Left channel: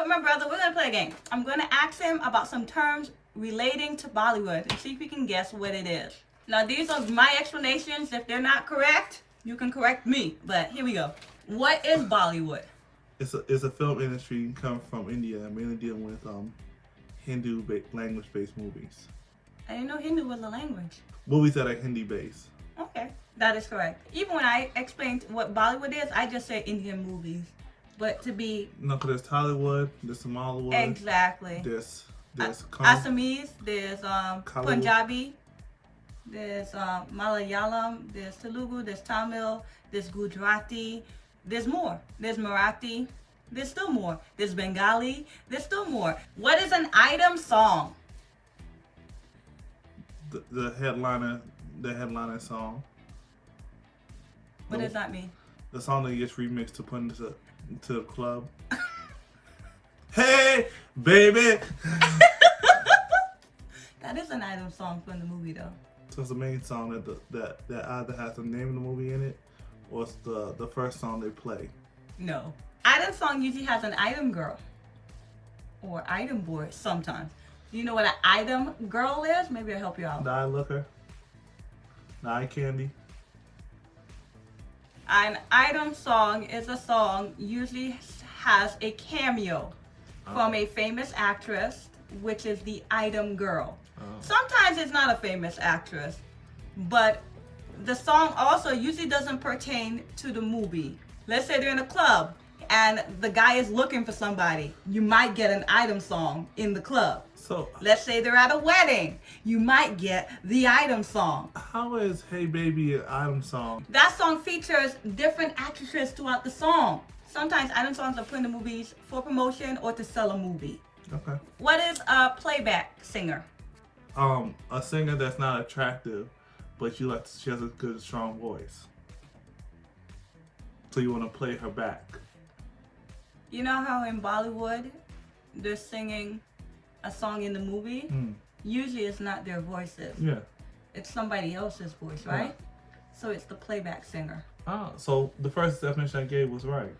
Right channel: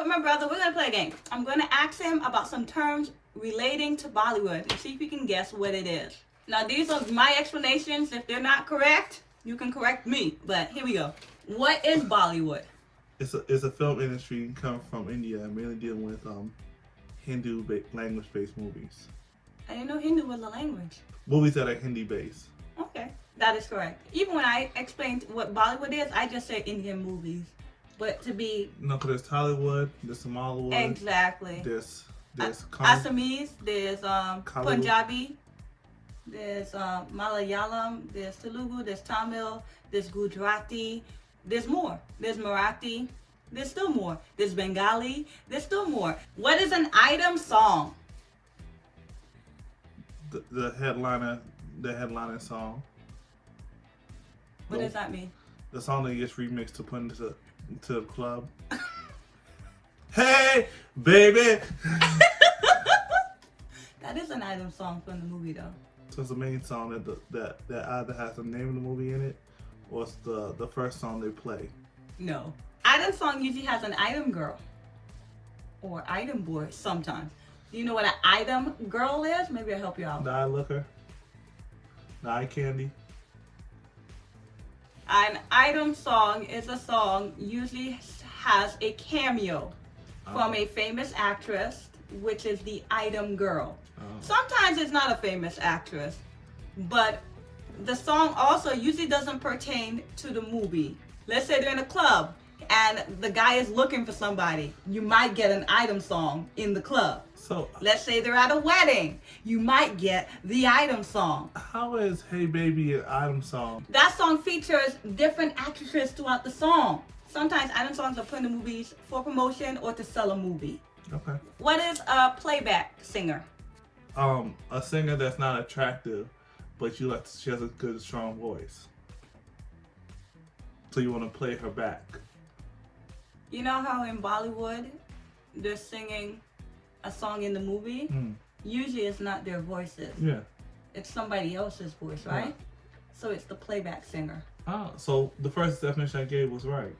with my brother. We're gonna play a game. I'm gonna ask him about some terms relating to Bollywood and see if he can guess what it is. Now these are my explanations. If they're not correct, you can correct me. But here we go. What is Bollywood? It's a film industry come from India, mainly dealing with Hindu language-based movies. I didn't know Hindu was a language. Movies that are Hindi-based. Okay, that is correct. Even when I explained what Bollywood is, I just say Indian movies. But to be... No, because there's Tollywood, there's Somaliwood. Exactly. There's Assamese, there's Punjabi, there's Malayalam, there's Telugu, there's Tamil, there's Gujarati, there's more. There's Marathi, there's still more. There's Bengali, there's still more. What is an item song? The headliner song. What does that mean? The song that gets remixed to put into the club. Hey, baby. That is an item song from the movie, though. So it's the main song that either has the name of the movie in it, or it's the first song they play. No. Item song usually has an item girl or item boy sometimes. Do you know what an item girl is? Maybe I'll help you out. The eye looker. The eye candy. An item song is a song usually has a cameo from a famous actress, which is the item girl. Sometimes it's not a famous actress, but the song also usually doesn't pertain to the movie. Let's say they're in a club and the guy is looking for somebody. You might get an item song in the club. So let's say they're at a wedding. You might get the item song. how is Hey Baby an item song? That song features different actresses throughout the song. Sometimes item songs are put in the movies for promotion or to sell a movie. Okay. What is a playback singer? A singer that's not attractive, but she has a good, strong voice. So you want to play her back. You know how in Bollywood, they're singing a song in the movie? Usually it's not their voices. Yeah. It's somebody else's voice, right? So it's the playback singer. Ah, so the first definition I gave was right.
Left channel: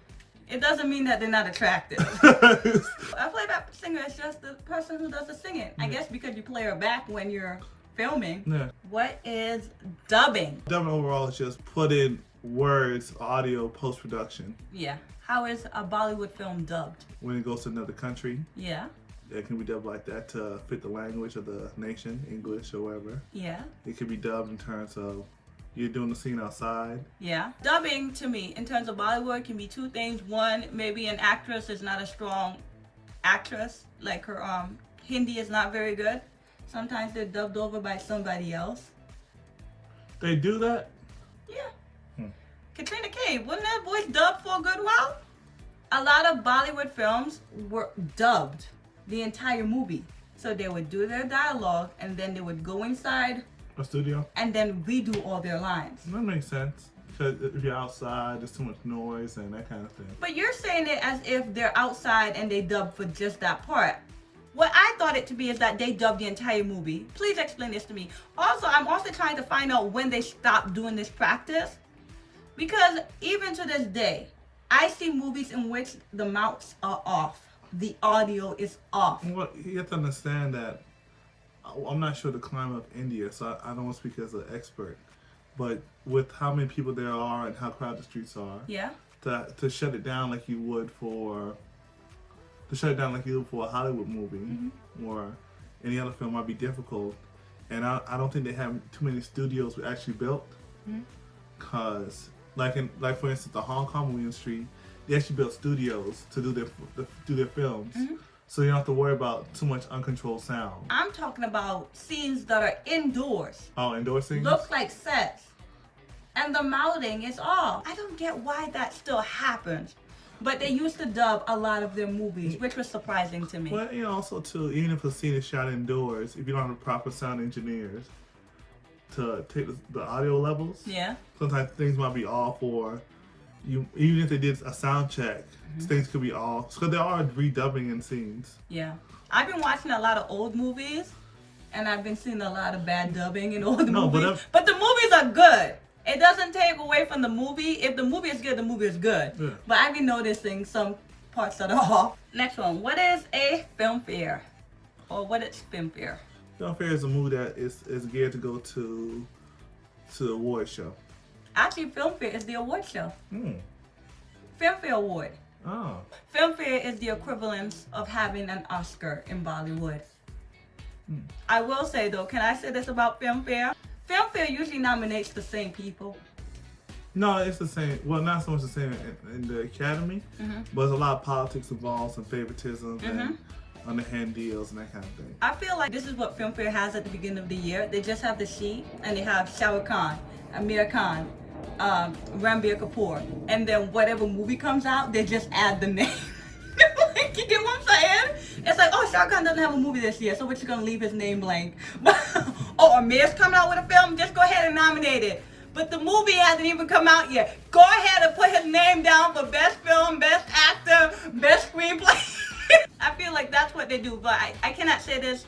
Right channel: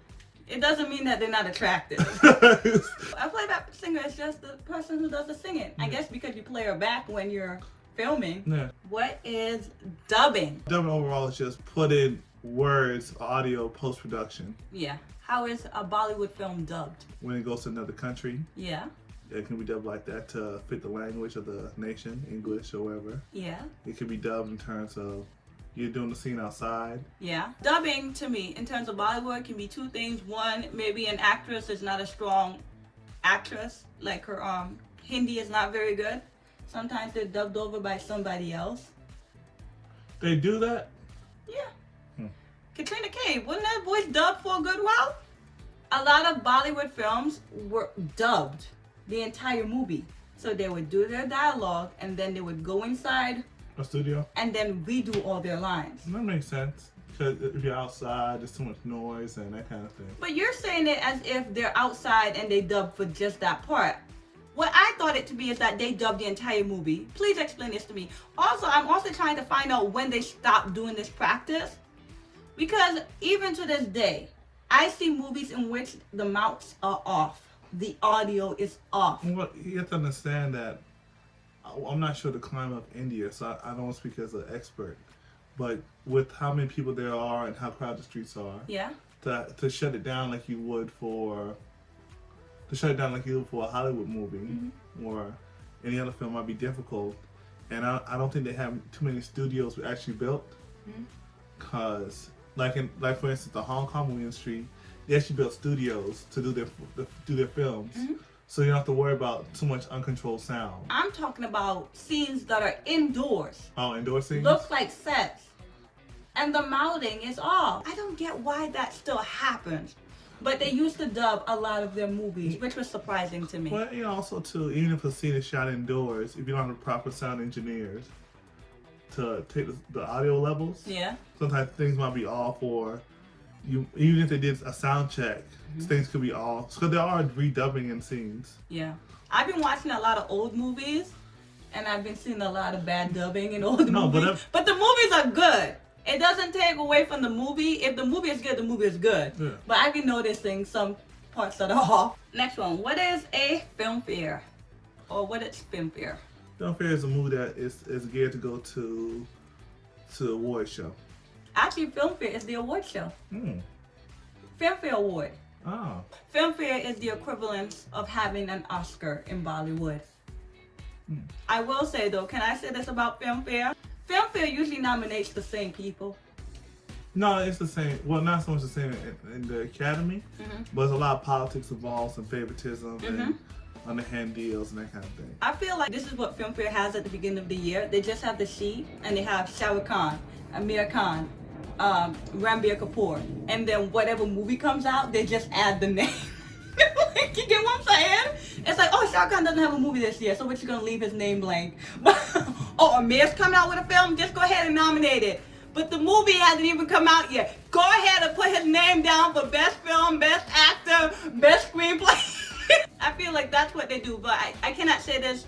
It doesn't mean that they're not attractive. A playback singer is just the person who does the singing. I guess because you play her back when you're filming. Yeah. What is dubbing? Dubbing overall is just put in words, audio, post-production. Yeah. How is a Bollywood film dubbed? When it goes to another country, Yeah. it can be dubbed like that to fit the language of the nation, English or whatever. Yeah. It can be dubbed in terms of you're doing the scene outside. Yeah. Dubbing to me, in terms of Bollywood, can be two things. One, maybe an actress is not a strong actress, like her Hindi is not very good. Sometimes they're dubbed over by somebody else. They do that? Yeah. Katrina Kaif, wasn't that voice dubbed for a good while? A lot of Bollywood films were dubbed the entire movie. So they would do their dialogue and then they would go inside A studio? and then redo all their lines. That makes sense. Because if you're outside, there's too much noise and that kind of thing. But you're saying it as if they're outside and they dubbed for just that part. What I thought it to be is that they dubbed the entire movie. Please explain this to me. Also, I'm also trying to find out when they stopped doing this practice. Because even to this day, I see movies in which the mouths are off. The audio is off. Well, you have to understand that I'm not sure the climate of India, so I don't want to speak as an expert. But with how many people there are and how crowded the streets are, Yeah. to shut it down like you would for a Hollywood movie or any other film might be difficult. And I don't think they have too many studios actually built. Cause like for instance the Hong Kong movie industry, they actually built studios to do their films. So you don't have to worry about too much uncontrolled sound. I'm talking about scenes that are indoors. Oh, indoor scenes? Look like sets. And the mouthing is off. I don't get why that still happens. But they used to dub a lot of their movies, which was surprising to me. Well, you know, also too, even if a scene is shot indoors, if you don't have the proper sound engineers to take the audio levels, Yeah. sometimes things might be off, or you even if they did a sound check, things could be off. So there are redubbing in scenes. Yeah. I've been watching a lot of old movies, and I've been seeing a lot of bad dubbing in old movies. But the movies are good. It doesn't take away from the movie. If the movie is good, the movie is good. Yeah. But I've been noticing some parts that are off. Next one. What is a Filmfare? Or what is Filmfare? Filmfare is a movie that is geared to go to the award show. Actually, Filmfare is the award show. Filmfare Award. Oh. Filmfare is the equivalent of having an Oscar in Bollywood. I will say though, can I say this about Filmfare? Filmfare usually nominates the same people. No, it's the same. Well, not so much the same in the Academy, but there's a lot of politics involved, some favoritism, and underhand deals and that kind of thing. I feel like this is what Filmfare has at the beginning of the year. They just have the sheet, and they have Shah Rukh Khan, Amir Khan, Ranbir Kapoor, and then whatever movie comes out, they just add the name. Like, you get what I'm saying? It's like, oh, Shah Rukh Khan doesn't have a movie this year, so we're just gonna leave his name blank. But oh, Amir's coming out with a film, just go ahead and nominate it. But the movie hasn't even come out yet. Go ahead and put his name down for best film, best actor, best screenplay. I feel like that's what they do, but I cannot say this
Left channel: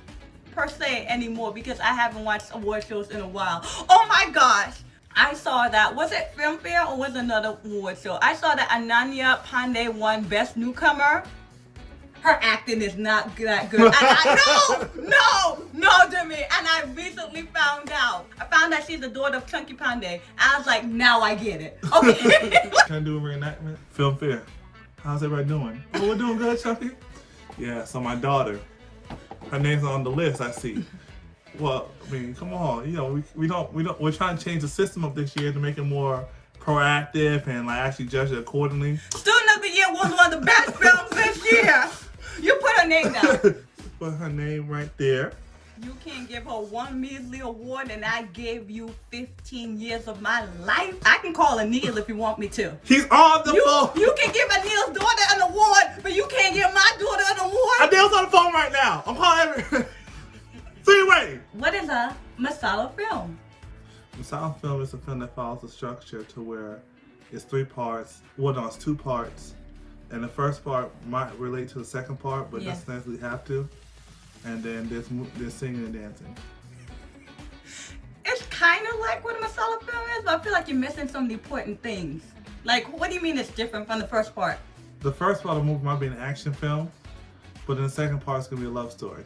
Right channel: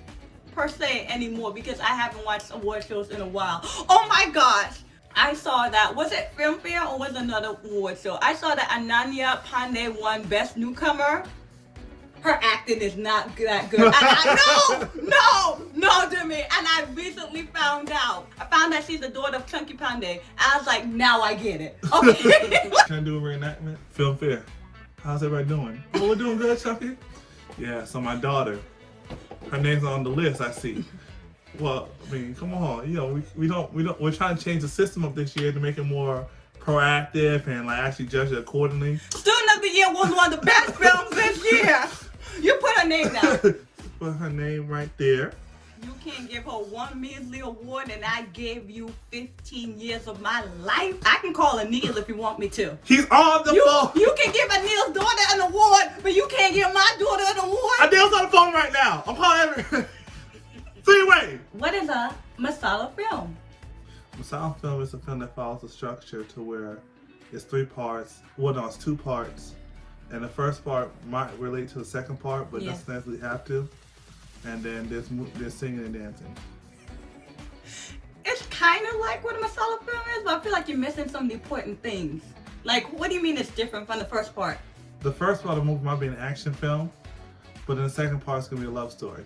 per se anymore because I haven't watched award shows in a while. Oh my gosh! I saw that. Was it Filmfare or was it another award show? I saw that Ananya Pandey won Best Newcomer. Her acting is not that good. And no, Jimmy. And I recently found out. I found that she's the daughter of Chunky Pandey. I was like, now I get it. Okay. Can I do a reenactment? Filmfare. How's everybody doing? Oh, we're doing good, Chunky? Yeah, so my daughter, her name's on the list, I see. Well, I mean, come on, you know, we're trying to change the system up this year to make it more proactive and like actually judge it accordingly. Student of the Year was one of the best films this year. You put her name down. Put her name right there. You can't give her one measly award and I gave you 15 years of my life. I can call Anil if you want me to. He's on the phone. You can give Anil's daughter an award, but you can't give my daughter an award. Anil's on the phone right now. I'm calling every... So anyway. What is a Masala Film? Masala Film is a film that follows the structure to where it's 3 parts. Well, no, it's 2 parts. And the first part might relate to the second part, but doesn't necessarily have to. And then there's singing and dancing. It's kind of like what a Masala Film is, but I feel like you're missing some of the important things. Like, what do you mean it's different from the first part? The first part of the movie might be an action film, but then the second part is going to be a love story.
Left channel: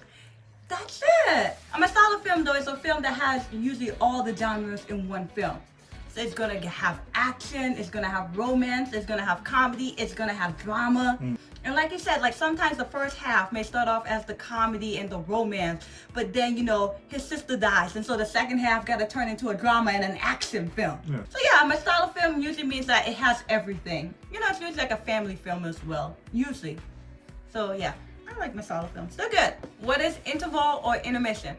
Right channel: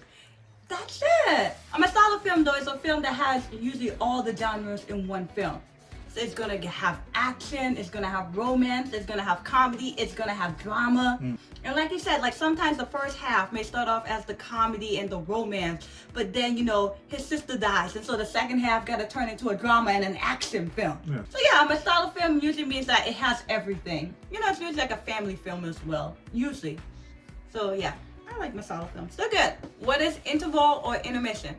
That's it. A Masala Film, though, is a film that has usually all the genres in one film. So it's going to have action, it's going to have romance, it's going to have comedy, it's going to have drama. And like you said, like sometimes the first half may start off as the comedy and the romance, but then, you know, his sister dies, and so the second half got to turn into a drama and an action film. Yeah. So yeah, a Masala Film usually means that it has everything. You know, it's usually like a family film as well, usually. So yeah, I like Masala Films. They're good. What is interval or intermission?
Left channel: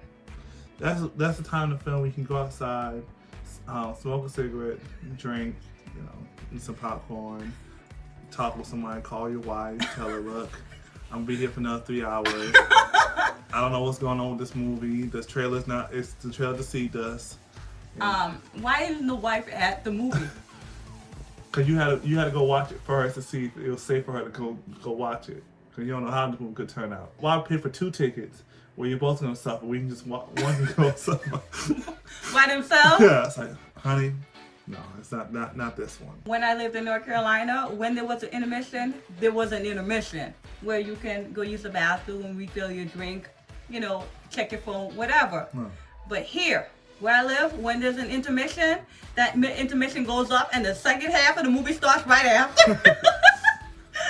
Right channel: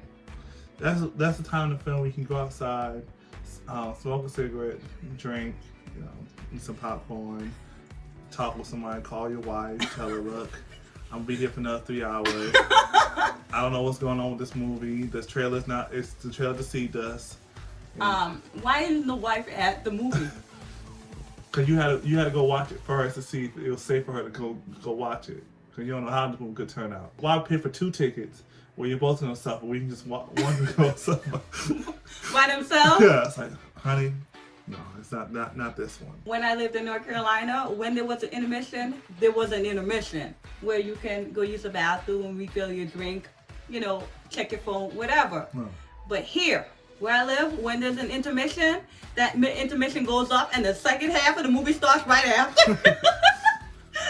That's the time in the film we can go outside, smoke a cigarette, drink, you know, eat some popcorn, talk with somebody, call your wife, tell her, look, I'm gonna be here for another 3 hours. I don't know what's going on with this movie. It's the trailer deceived us. Why isn't the wife at the movie? Cause you had to go watch it first to see if it was safe for her to go watch it. Cause you don't know how the movie could turn out. Why pay for 2 tickets where you're both gonna suffer? We can just one can go suffer. By themselves? Yeah, it's like, honey, no, it's not this one. When I lived in North Carolina, when there was an intermission, there was an intermission where you can go use the bathroom, refill your drink, you know, check your phone, whatever. But here, where I live, when there's an intermission, that intermission goes up and the second half of the movie starts right after.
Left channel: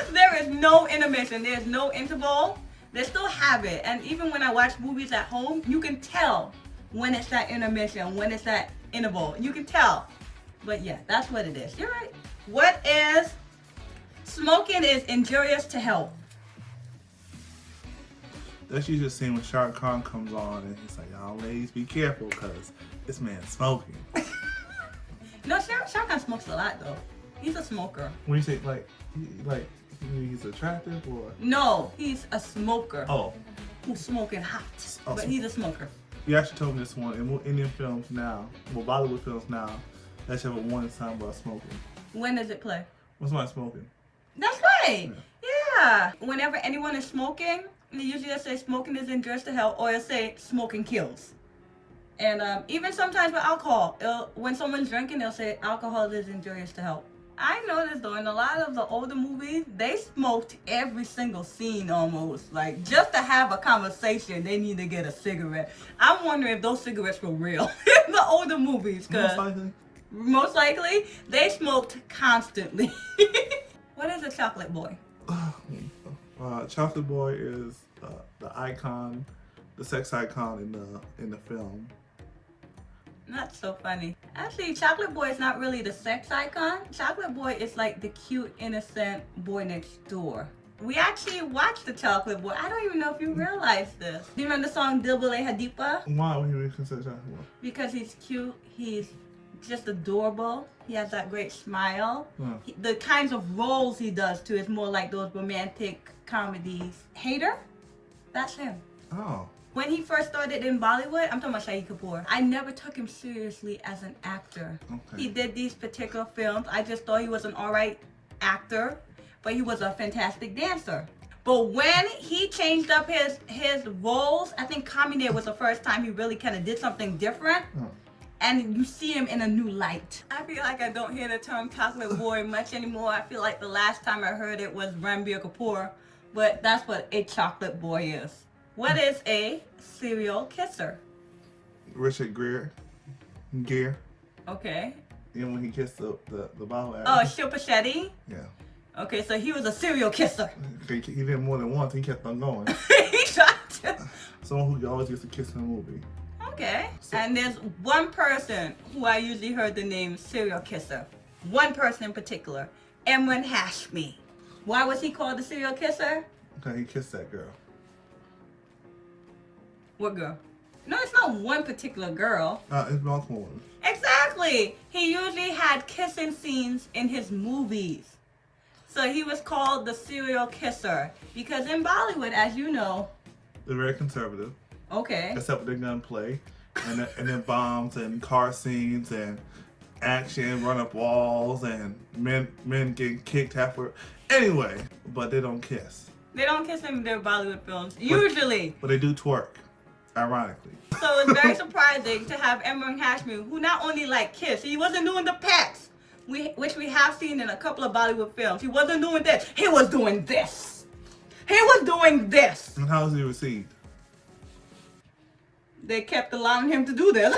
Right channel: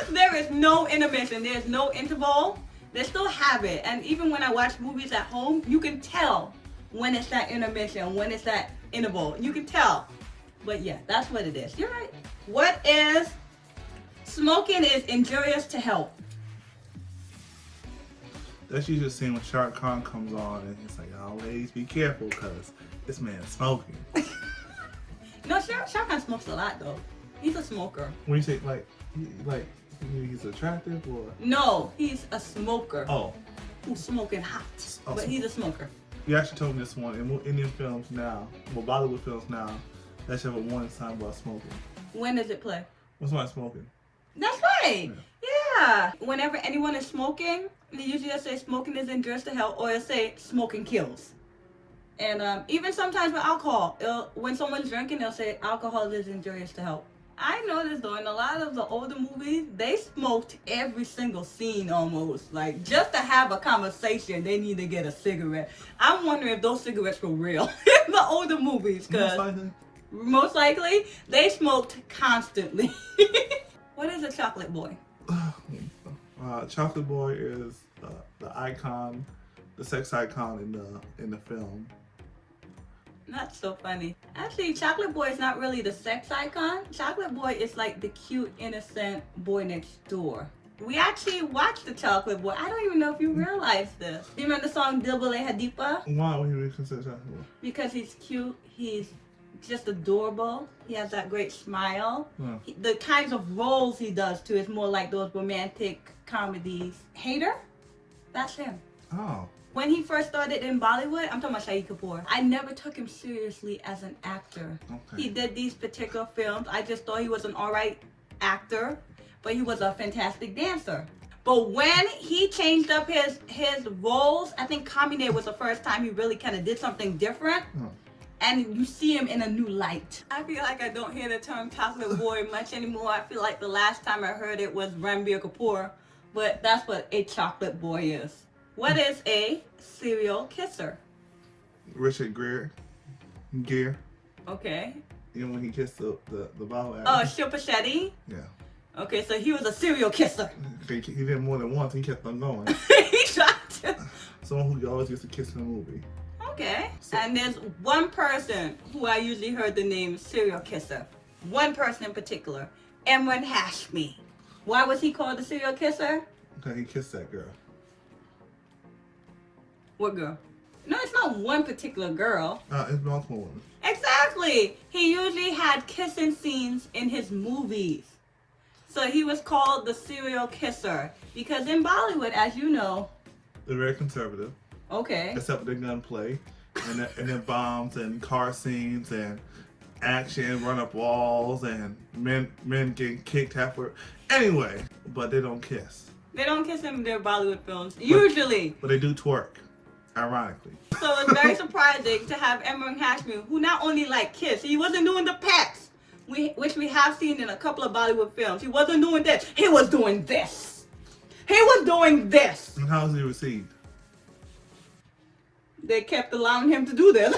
There is no intermission. There's no interval. They still have it. And even when I watch movies at home, you can tell when it's that intermission, when it's that interval. You can tell. But yeah, that's what it is. You're right. What is smoking is injurious to health? That's usually the scene when Shah Rukh Khan comes on and he's like, y'all ladies, be careful because this man's smoking. No, Shah Rukh Khan smokes a lot though. He's a smoker. When you say he's attractive or? No, he's a smoker. Oh. Who's smoking hot. Oh, but he's a smoker. You actually told me this one. In Indian films now, well, Bollywood films now, they should have a warning sign about smoking. When does it play? What's my smoking? That's right. Yeah. Whenever anyone is smoking, they usually just say smoking is injurious to health, or it'll say smoking kills. And even sometimes with alcohol, when someone's drinking, they'll say alcohol is injurious to health. I noticed though, in a lot of the older movies, they smoked every single scene almost. Like, just to have a conversation, they need to get a cigarette. I'm wondering if those cigarettes were real in the older movies, because most likely they smoked constantly. What is a chocolate boy? Chocolate boy is the icon, the sex icon in the film. That's so funny. Actually, Chocolate Boy is not really the sex icon. Chocolate Boy is like the cute, innocent boy next door. We actually watched the Chocolate Boy. I don't even know if you realize this. Do you remember the song Dil Bale Hadipa? Why would you consider Chocolate Boy? Because he's cute. He's just adorable. He has that great smile. The kinds of roles he does too is more like those romantic comedies. Hater? That's him. Oh. When he first started in Bollywood, I'm talking about Shahid Kapoor, I never took him seriously as an actor. Okay. He did these particular films. I just thought he was an alright actor, but he was a fantastic dancer. But when he changed up his roles, I think Kamine was the first time he really kind of did something different. And you see him in a new light. I feel like I don't hear the term chocolate boy much anymore. I feel like the last time I heard it was Ranbir Kapoor, but that's what a chocolate boy is. What is a serial kisser? Richard Gere. Okay. And when he kissed the bow actor. Oh, Shilpa Shetty? Yeah. Okay, so he was a serial kisser. He did more than once. He kept on going. He tried to. Someone who always gets a kiss in a movie. Okay. And there's one person who I usually heard the name serial kisser. One person in particular. Emran Hashmi. Why was he called the serial kisser? Okay, he kissed that girl. What girl? No, it's not one particular girl. It's multiple women. Exactly. He usually had kissing scenes in his movies. So he was called the serial kisser. Because in Bollywood, as you know... They're very conservative. Okay. Except for the gunplay. And then bombs and car scenes and action, run up walls and men getting kicked halfway. Anyway, but they don't kiss. They don't kiss in their Bollywood films. Usually. But they do twerk. Ironically. So it's very surprising to have Emran Hashmi, who not only like kiss, he wasn't doing the pets, which we have seen in a couple of Bollywood films. He wasn't doing this. He was doing this. He was doing this. And how was he received? They kept allowing him to do this.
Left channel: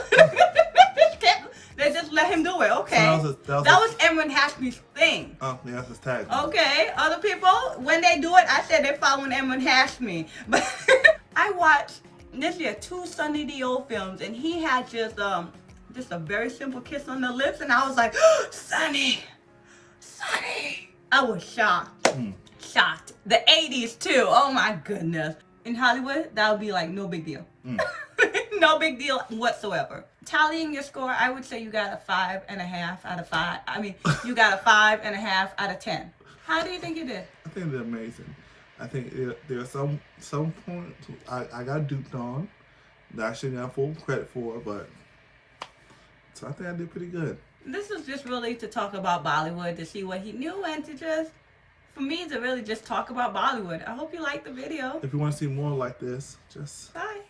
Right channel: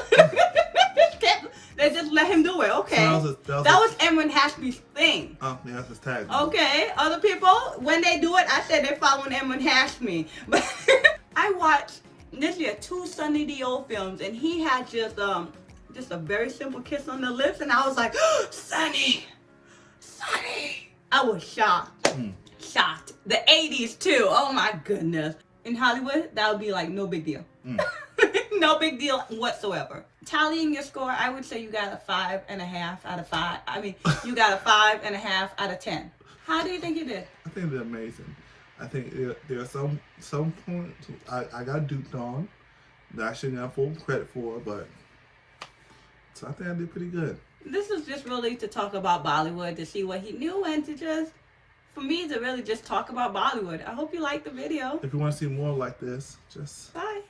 They just let him do it. Okay. So that was Emran Hashmi's thing. Oh, yeah, that's his tag. Okay. Other people, when they do it, I said they're following Emran Hashmi. But I watched this year 2 Sunny Deol films, and he had just a very simple kiss on the lips, and I was like, oh, Sunny. I was shocked. Shocked. The 80s too. Oh my goodness. In Hollywood, that would be like no big deal. No big deal whatsoever. Tallying your score, I would say you got a 5.5 out of 5. I mean, you got a 5.5 out of 10. How do you think you did? I think they're amazing. I think there are some points I got duped on that I shouldn't have full credit for, but so I think I did pretty good. This is just really to talk about Bollywood, to see what he knew, and to just, for me, to really just talk about Bollywood. I hope you liked the video. If you want to see more like this, just... Bye.